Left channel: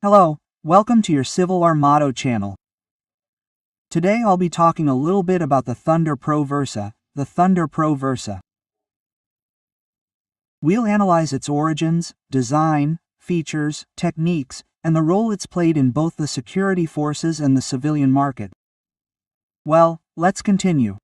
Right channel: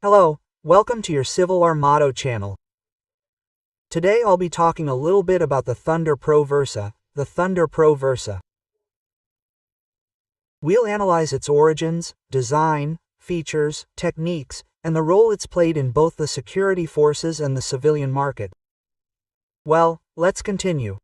Hello, welcome to your Civil Armado channel. Today I'll be talking a little bit about the Thunder Pro Versa, the Thunder Pro Versa. We'll analyze its origins, design, features, techniques, and the role it's played in both the security forces and the civilian market. Well, let's continue.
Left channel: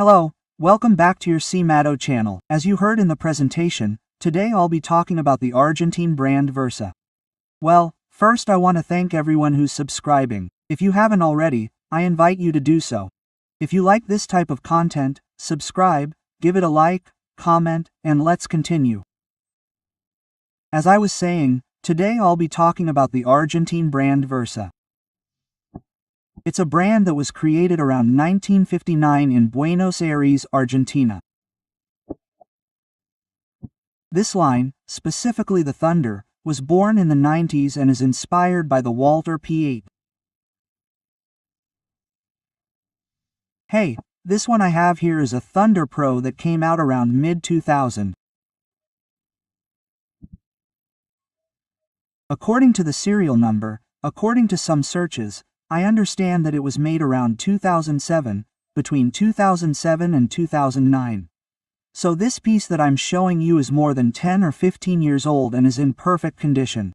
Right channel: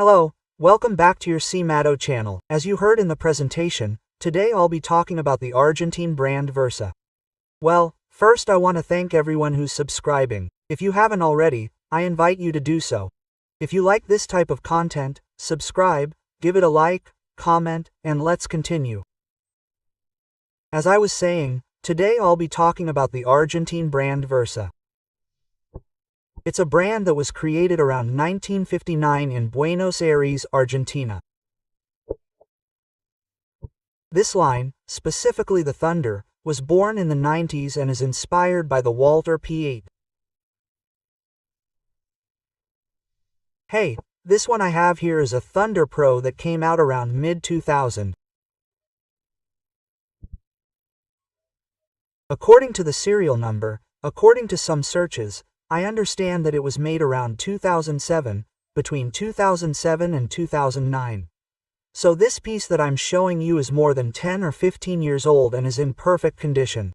Hello, welcome back to your S.M.N.D-1377590.Ejercito channel. As you heard in the presentation, today I'll be talking about the Argentine brand Versa. Well, first I want to thank everyone who's subscribing. If you haven't already, I invite you to do so. If you like this type of content, subscribe, give it a like, comment, and let's continue. As I was saying, today I'll be talking about the Argentine brand Versa. It's a brand that was created around 1959 in Buenos Aires, Argentina. This line, specifically the Thunder, was born in the 90s and is inspired by the Walter P8. Hey, this one I have here is a Thunder Pro that came out around mid-2000. According to the serial number, according to some searches, I understand that it was made around 2007, between 2007 and 2009. So this piece that I'm showing you is more than 10 or 15 years old and is in perfect condition.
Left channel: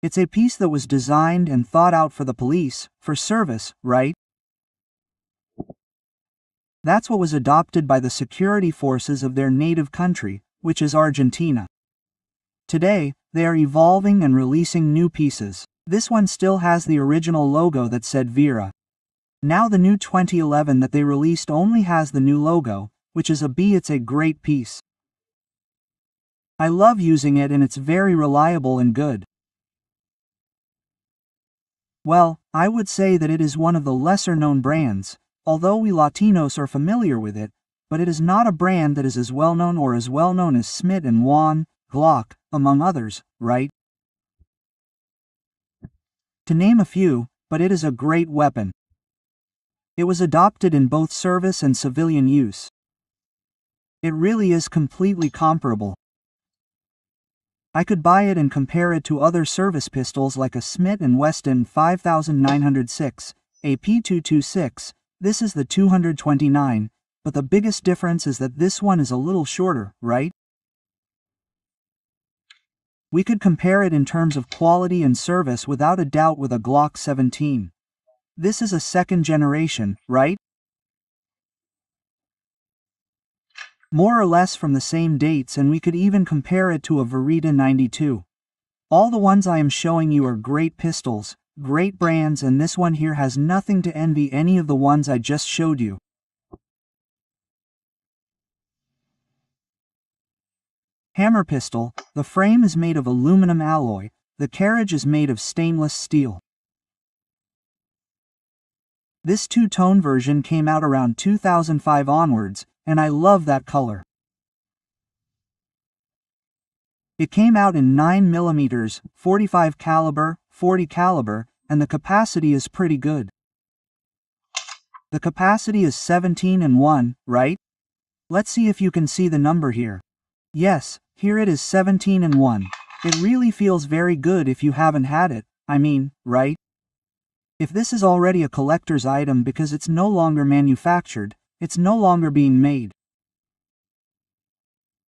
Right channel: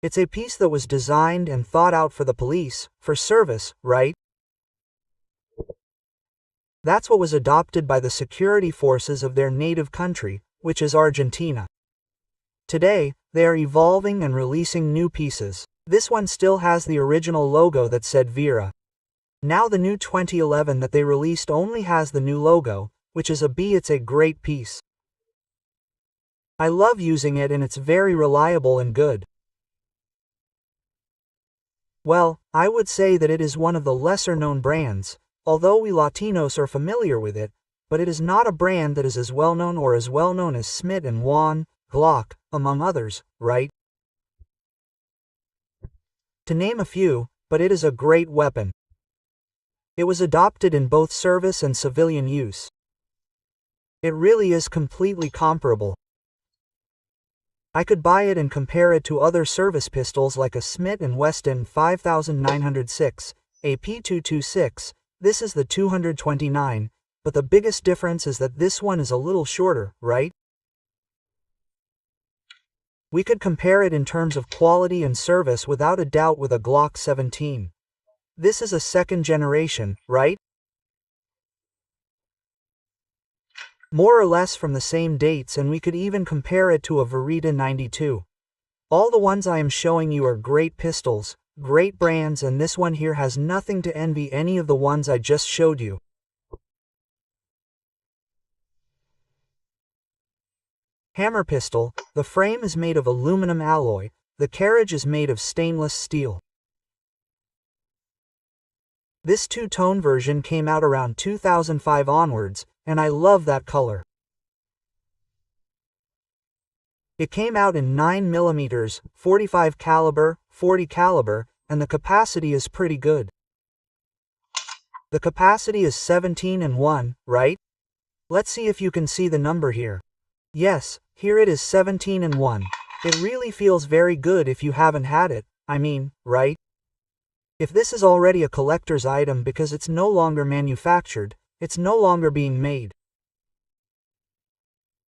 It's a piece that was designed and thought out for the police, for service, right? That's what was adopted by the security forces of their native country, which is Argentina. Today, they are evolving and releasing new pieces. This one still has the original logo that said Vera. Now the new 2011 that they released only has the new logo, which is a B. It's a great piece. I love using it and it's very reliable and good. Well, I would say that it is one of the lesser known brands, although we Latinos are familiar with it, but it is not a brand that is as well known or as well known as S.M.N.D-1377590.Ejercito, Glock, among others, right? To name a few, but it is a great weapon. It was adopted in both service and civilian use. It really is completely comparable. I could buy it and compare it to other service pistols like a Smith & Wesson 5906, a P226, this is the 229, but the biggest difference is that this one is a little shorter, right? We could compare it in terms of quality and service without a doubt with a Glock 17. This is a second generation, right? More or less from the same dates, and we could even compare it to a Verita 92. All the ones I am showing you are great pistols, great brands, and this one here has nothing to envy any of the ones I just showed you. Hammer pistol, the frame is made of aluminum alloy, the carriage is made of stainless steel. This two-tone version came out around 2005 onwards, and I love that color. It came out in 9mm, 45 caliber, 40 caliber, and the capacity is pretty good. The capacity is 17-1, right? Let's see if you can see the number here. Yes, here it is 17-1. It really feels very good if you haven't had it, I mean, right? If this is already a collector's item because it's no longer manufactured, it's no longer being made.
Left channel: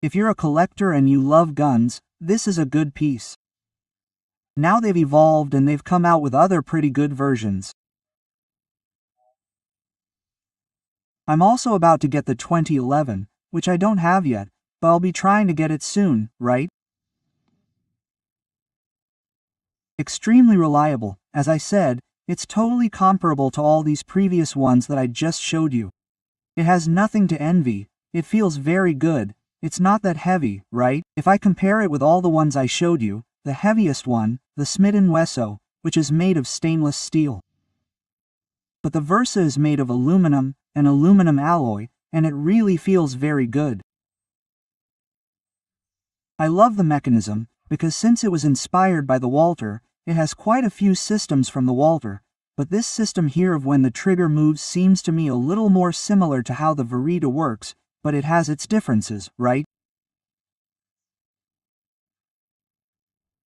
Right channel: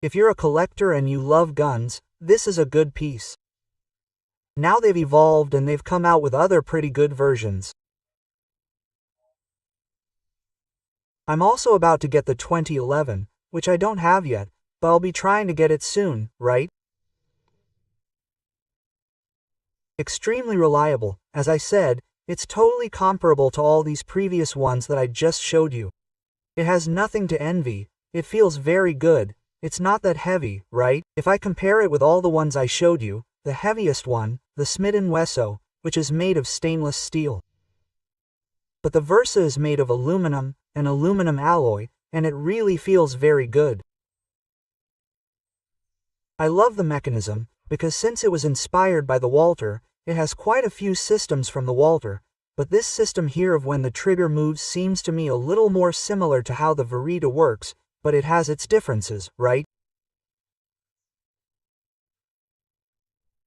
If you're a collector and you love guns, this is a good piece. Now they've evolved and they've come out with other pretty good versions. I'm also about to get the 2011, which I don't have yet, but I'll be trying to get it soon, right? Extremely reliable, as I said, it's totally comparable to all these previous ones that I just showed you. It has nothing to envy, it feels very good, it's not that heavy, right? If I compare it with all the ones I showed you, the heaviest one, the Smith & Wesson, which is made of stainless steel. But the Versa is made of aluminum, an aluminum alloy, and it really feels very good. I love the mechanism, because since it was inspired by the Walter, it has quite a few systems from the Walter, but this system here of when the trigger moves seems to me a little more similar to how the Verita works, but it has its differences, right?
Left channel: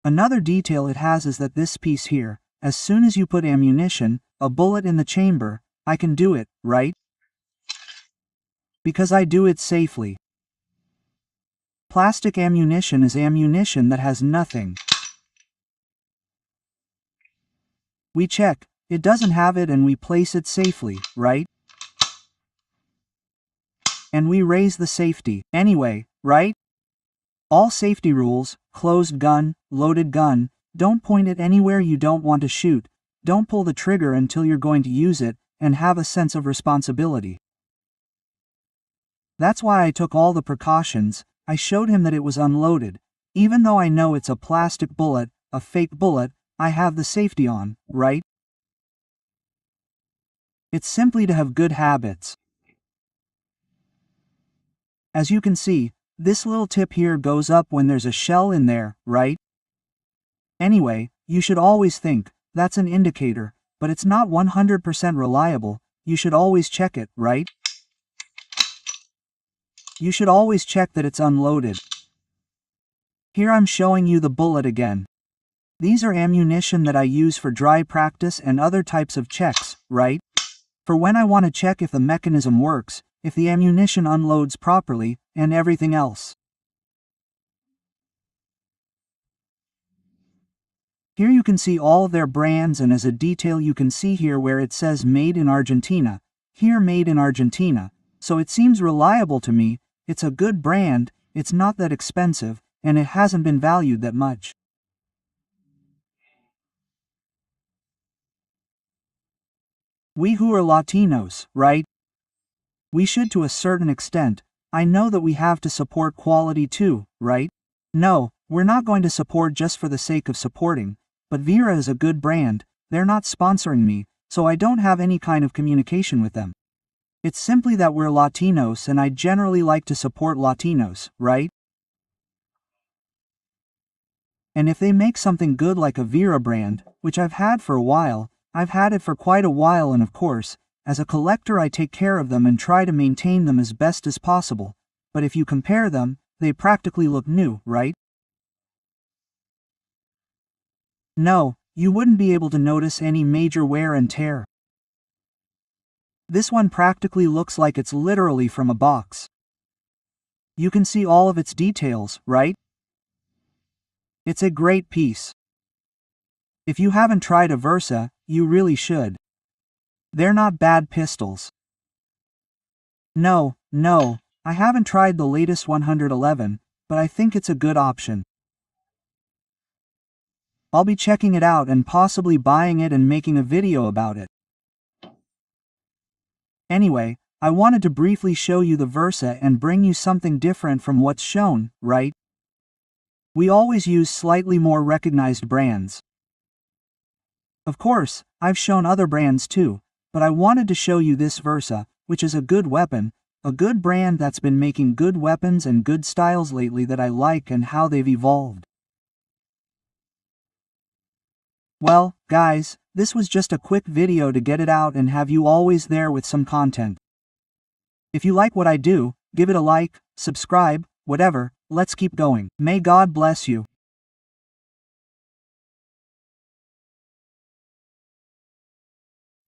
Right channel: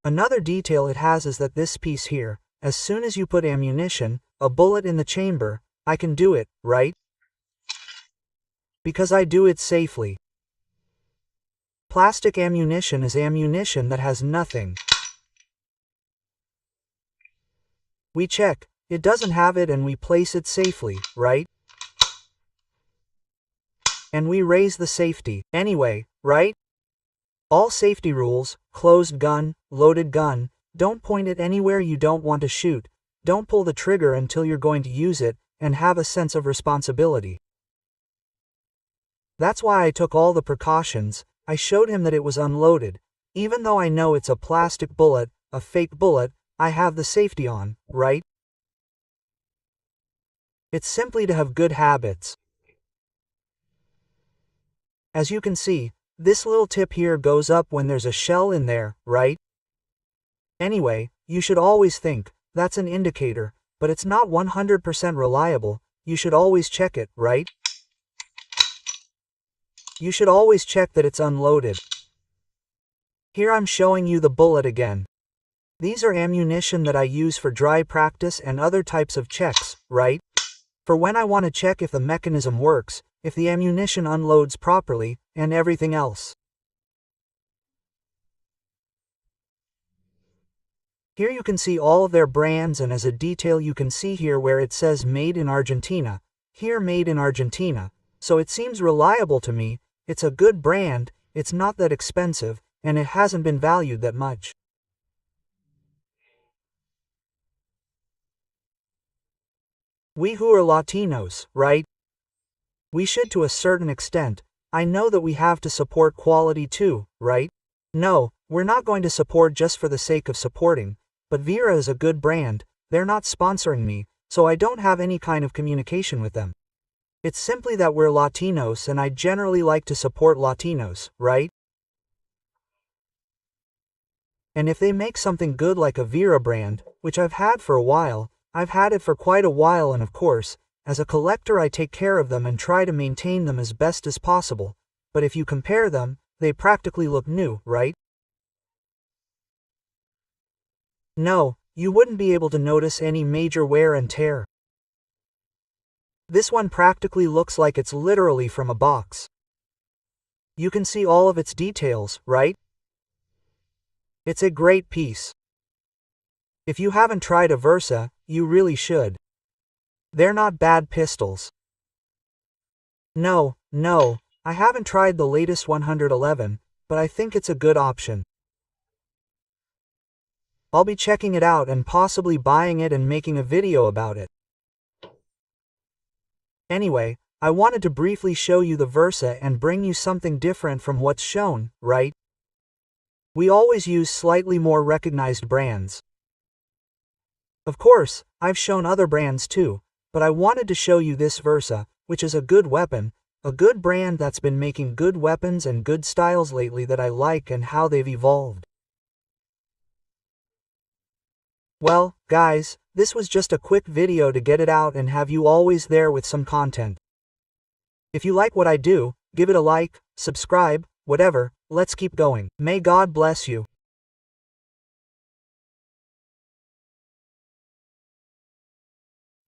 Another detail it has is that this piece here, as soon as you put ammunition, a bullet in the chamber, I can do it, right? Because I do it safely. Plastic ammunition is ammunition that has nothing. We check, it doesn't have it, and we place it safely, right? And we raise the safety, anyway, right? All safety rules: closed gun, loaded gun, don't point it anywhere you don't want to shoot, don't pull the trigger until you're going to use it, and have a sense of responsibility. That's why I took all the precautions. I showed him that it was unloaded. Even though I know it's a plastic bullet, a fake bullet, I have the safety on, right? It's simply to have good habits. As you can see, this little tip here goes up when there's a shell in there, right? Anyway, you should always think, that's an indicator, but it's not 100% reliable. You should always check it, right? You should always check that it's unloaded. Here I'm showing you the bullet again. These are ammunition that I use for dry practice and other types of checks, right? For when I want to check if the mechanism works, if the ammunition unloads properly, and everything else. Here you can see all of their brands, and as a detail you can see here where it says Made in Argentina, here Made in Argentina, so it seems reliable to me. It's a good brand, it's not that expensive, and it hasn't been valued that much. We who are Latinos, right? We should to a certain extent. I know that we have to support quality too, right? No, we're not going to support just for the sake of supporting, but Vera is a good brand. They're not sponsoring me, so I don't have any kind of communication with them. It's simply that we're Latinos and I generally like to support Latinos, right? And if they make something good like a Vera brand, which I've had for a while, I've had it for quite a while, and of course, as a collector I take care of them and try to maintain them as best as possible, but if you compare them, they practically look new, right? No, you wouldn't be able to notice any major wear and tear. This one practically looks like it's literally from a box. You can see all of its details, right? It's a great piece. If you haven't tried a Versa, you really should. They're not bad pistols. No, I haven't tried the latest 111, but I think it's a good option. I'll be checking it out and possibly buying it and making a video about it. Anyway, I wanted to briefly show you the Versa and bring you something different from what's shown, right? We always use slightly more recognized brands. Of course, I've shown other brands too, but I wanted to show you this Versa, which is a good weapon, a good brand that's been making good weapons and good styles lately that I like and how they've evolved. Well, guys, this was just a quick video to get it out and have you always there with some content. If you like what I do, give it a like, subscribe, whatever. Let's keep going. May God bless you.